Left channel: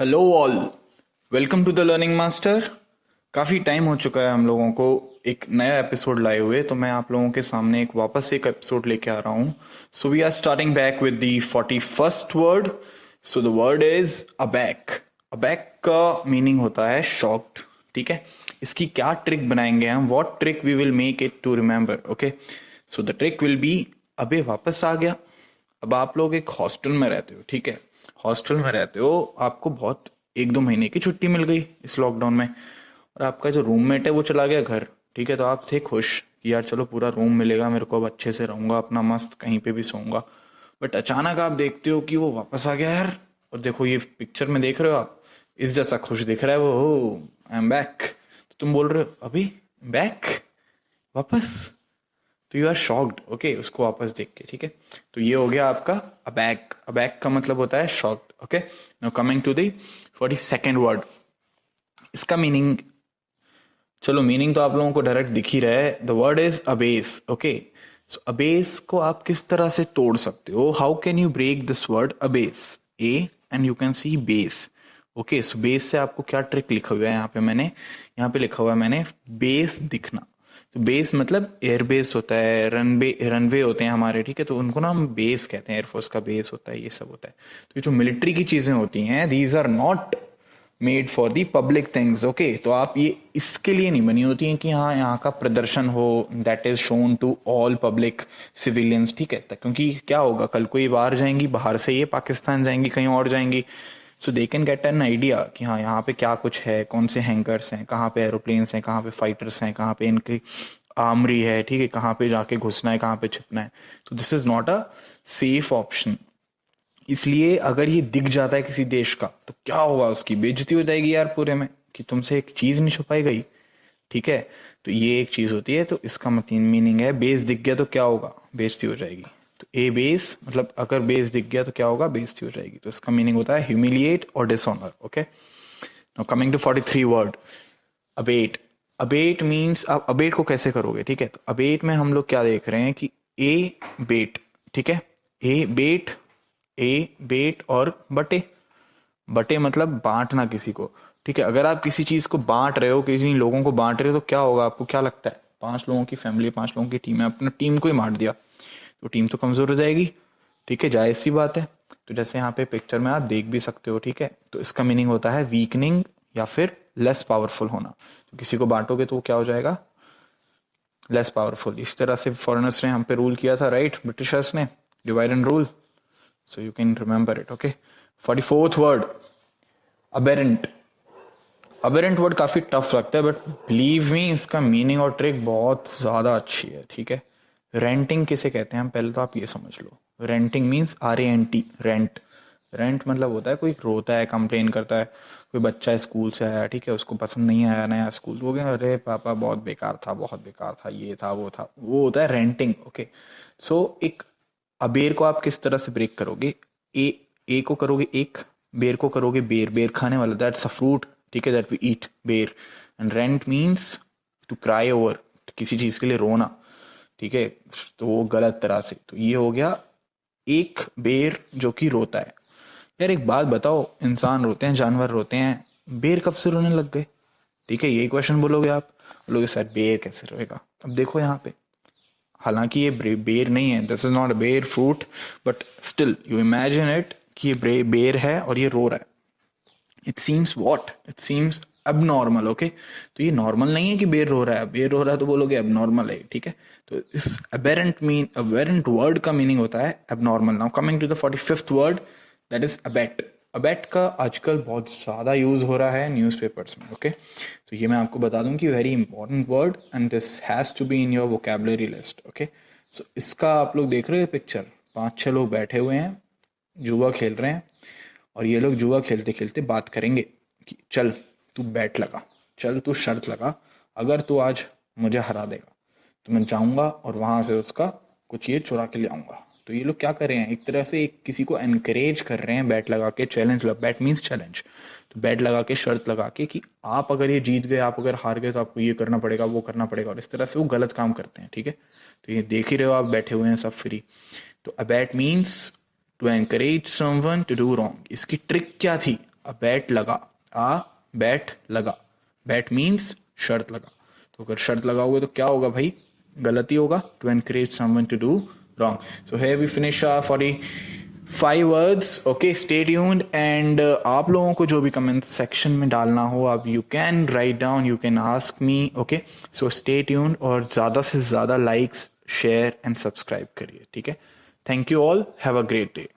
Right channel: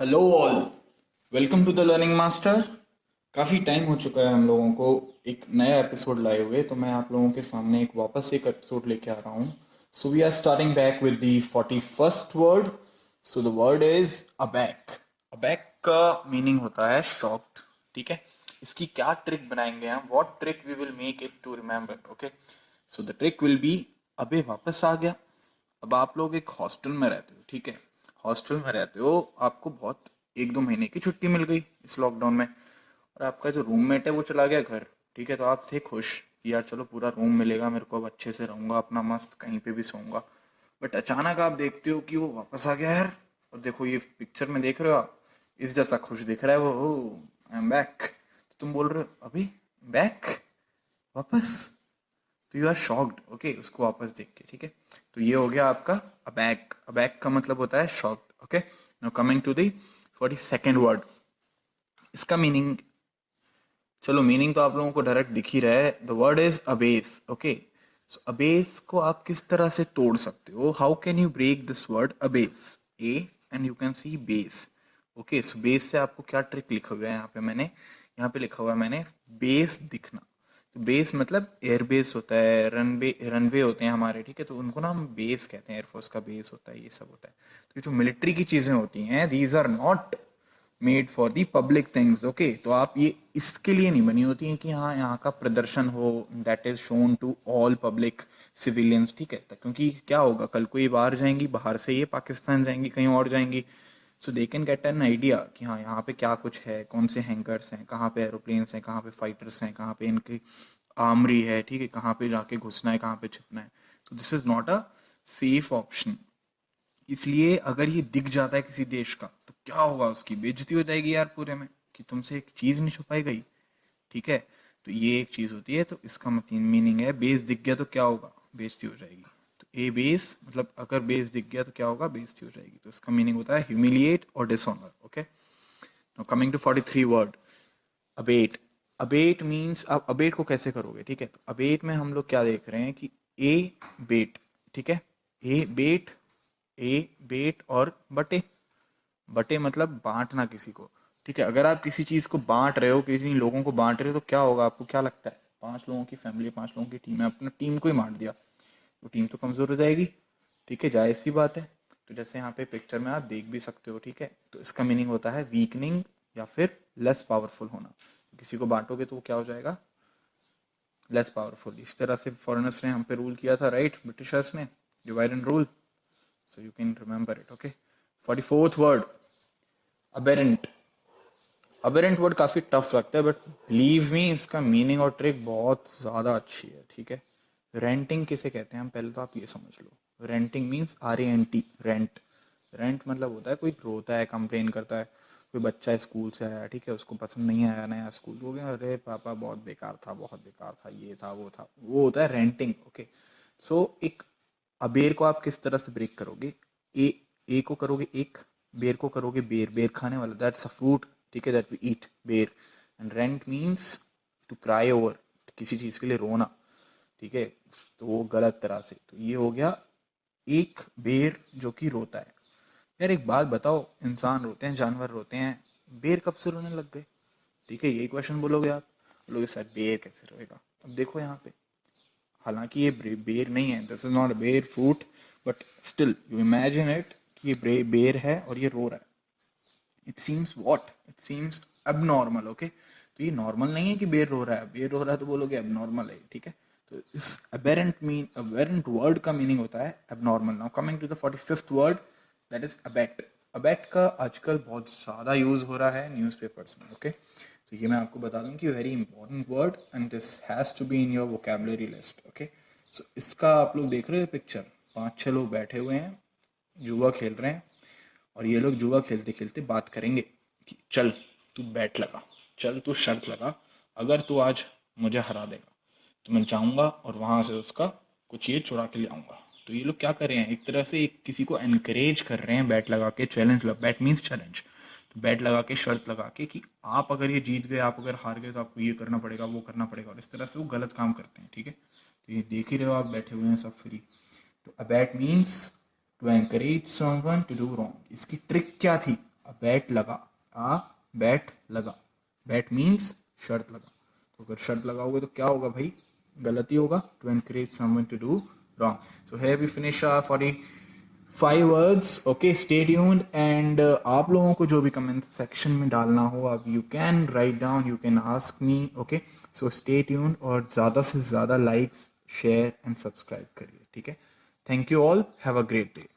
Hello all, welcome to the learning master. काफ़ी time हो चुका है हम लोगों को एक नया एपिसोड लाए हुए, तो मैं आप लोगों के सामने एक वापस एक एपिसोड लेके आ रहा हूँ। So we are starting back with the 41st word. So the word is aback. Aback का मीनिंग होता है शॉक्ड। ठीक है, इसकी क्या ट्रिक बनाएंगे हम, what trick we will make it to remember. Okay, so the trick will be, अबे वापस आ गया। अब आप लोग एक हॉस्टल में रहते हो, ठीक है, हॉस्टल में रहते हो, आपको बहुत 1-2 महीने की छुट्टी मिल गई इस लॉकडाउन में, और आपका जो रूममेट है वो चला गया घर। ठीक है, तो आप थे खुश कि यार चलो पूरा रूम मिलेगा मेरे को, अब अच्छे से रहूंगा, अपना मस्त कहीं पे भी सोऊंगा। बट अचानक आप देखते हो कि वो वापस आ गया यार। और देखो ये पिक्चर में देख रहे हो आप, इस जैसा खुश दिख रहा है वो, आई एम बैक। तो तुम बोल रहे हो अभी बैक, वापस। तो यू आर शॉक्ड, ओके, उसको वापस देख के। ठीक है, तो ये हो गया आपका अबैक। अबैक का मतलब होता है shocked. Okay, now coming to the 42nd word. इसका मीनिंग, चलो मीनिंग तो आप लोगों को डायरेक्ट दिख ही रहा है। The word is abase. Okay, so abase को आप किस तरह से तोड़ सकते हो, how can you break this word abase, a and you can see base. Okay, so base से आपको क्या ट्रिक लिखा हुआ है यहाँ पे, मैंने यहाँ पे लिखा हुआ है मैंने, बेस दिखना। तो बेस मतलब एयरबेस होता है, रनवे होते हैं हमारे, ठीक है, तो उनको ना हम बेस कहते हैं, एयरफोर्स का बेस होता है, ये सब होता है। तो ये जो मिलिट्री की चीज़ें होती हैं, these are not made for the public things. Okay, तो आप ये इसके लिए नहीं बनी होती हैं कि हाँ यहाँ का प्रदर्शन हो, that is shown to all public civilians. ठीक है, क्योंकि क्या होगा, कल को ये बाहर जाएंगी, बाहर से ये पाकिस्तान जाएंगी, कहीं और जाएंगी, so they can get an idea कि हाँ यहाँ पे क्या कुछ है, कौन से हैंगर्स हैं, कहाँ पे एरोप्लेन्स हैं, कहाँ पे फाइटर्स हैं, कहाँ पे इनकी आर्मरी है, ठीक है, कहाँ पे जाके घुसना है, कहाँ पे छिपना है। तो this is not a safe option. इसलिए अगर ये दिख जाता है किसी देश का, तो क्या होगा, उसकी बेइज्जती हो जाएगी यार पूरे में, कि तुमसे एक चीज नहीं छुपाई गई। ठीक है, तो ये एक चीज होती है। तो इसका मतलब मीनिंग है, बेस दिख गया तो क्या होगा, बेइज्जती हो जाएगी। तो ए बेस मतलब अगर बेस दिख गया तो क्या होगा, बेइज्जती हो जाएगी। तो इसका मीनिंग होता है ह्यूमिलिएट और dishonour. Okay, now coming to 43 word, abet. Abet means, आप अबेट को कैसे करोगे, ठीक है, तो अबेट में हम लोग क्या देख रहे हैं कि ए बेट, ठीक है, ए बेट, ए बेट और बटे। बटे मतलब बांटना किसी को। ठीक है, अगर आप किसी चीज को बांट रहे हो, किसी लोगों को बांट रहे हो, तो क्या होगा, आपको क्या लगता है, 5 लोगों की फैमिली, 5 लोगों की टीम है, अपना टीम को ही बांट दिया तो टीम तो कमजोर हो जाएगी। ठीक है, जायज सी बात है। तो जैसे यहाँ पे पिक्चर में आप देख भी सकते हो, ठीक है, तो इसका मीनिंग होता है वीकनिंग या फिर लेस पावरफुल होना। तो किसी को बांटोगे तो वो क्या हो जाएगा, लेस पावरफुल। इस तरह से फॉरेनर्स ने हम पे रूल किया था, राइट, ब्रिटिशर्स ने, divide and rule. So you can remember it. Okay, 44th word, aberrant. Aberrant word काफ़ी टफ लगता है, बट बिलीव मी इसका मीनिंग और ट्रिक बहुत ज़्यादा अच्छी है। ठीक है, रेंटिंग किसे कहते हैं हम, पहले तो आप ये समझ लो। Renting means RANT, rent. Rent मतलब होता है कोई रोता है, कंप्लेन करता है, कोई बच्चा स्कूल से आया, ठीक है, उसको पसंद नहीं आया नया स्कूल, वो क्या, अरे पापा बहुत बेकार था, बहुत बेकार था, ये था वो था, वो होता है रेंटिंग। ओके, सो एक अबेर को आप किस तरह से ब्रेक करोगे, ए को करोगे एक, बेर को करोगे बेर, बेर खाने वाला, दैट्स अ फ्रूट। ठीक है, that we eat, ber. And rent means to cry over, किसी चीज के लिए रोना। ठीक है, तो वो गलत तरह से, तो ये हो गया एक बेर जो कि रोता है। यार एक बात बताओ, इंसान रोते हैं, जानवर रोते हैं, बेर कब से रोने लग गए। ठीक है, यही क्वेश्चन बोलोगे आप, बोलोगे सर बेर कैसे रोएगा। अब देखो यहाँ पे, हालांकि ये बेर नहीं है, दिस इज नॉट अ बेर fruit, but still you imagine it कि ये बेर है और ये रो रहा है। It seems what, it seems abnormal। Okay, तो ये नॉर्मल नहीं है कि बेर रो रहा है, बेर रो रहा है तो बोलोगे abnormal है। ठीक है, तो इस aberrant वर्ड का मीनिंग होता है abnormal। Now coming to the 45th word, that is abet। Abet का आजकल बहुत ज़्यादा यूज़ हो रहा है न्यूज़पेपर्स में। ओके, तो ये मैं आपको बता दूं कि very important word and this has to be in your vocabulary list. Okay, so इसका आप लोग देख रहे हो पिक्चर, 5-6 लोग बैठे हुए हैं, जुआ खेल रहे हैं, और ये लोग जुआ खेलते खेलते बात करेंगे कि चल तू बैट लगा, चल तू शर्त लगा, अगर तू आज मुझे हरा देगा तो मैं जाऊंगा और वहां से उसका कुछ ये चुरा के ले आऊंगा। तो ये लोग क्या कर रहे हैं, एक तरह से एक किसी को एनकरेज कर रहे हैं, बैट लगा के चैलेंज, बैट मीन्स चैलेंज। तो बैट लगा के, शर्त लगा के कि आप अगर ये जीत गए, आप अगर हार गए तो आपको ये करना पड़ेगा, वो करना पड़ेगा, और इस तरह से वो गलत काम करते हैं। ठीक है, तो ये देख ही रहे हो आप, बैठे हुए हैं सब फ्री। तो abet means to encourage someone to do wrong. इसकी ट्रिक क्या थी, अ बैट लगा, आ बैट लगा, बैट मीन्स शर्त लगा। तो अगर शर्त लगाओगे तो क्या होगा भाई, गलती होगा, to encourage someone to do wrong. So here we finish 45 words. Okay, stay tuned and आप लोगों को जो भी कमेंट सेक्शन में डालना हो आप you can write down, you can ask me. Okay, so stay tuned और ज़्यादा से ज़्यादा लाइक्स, शेयर एंड सब्सक्राइब करिए, ठीक है। Thank you all, have a great day.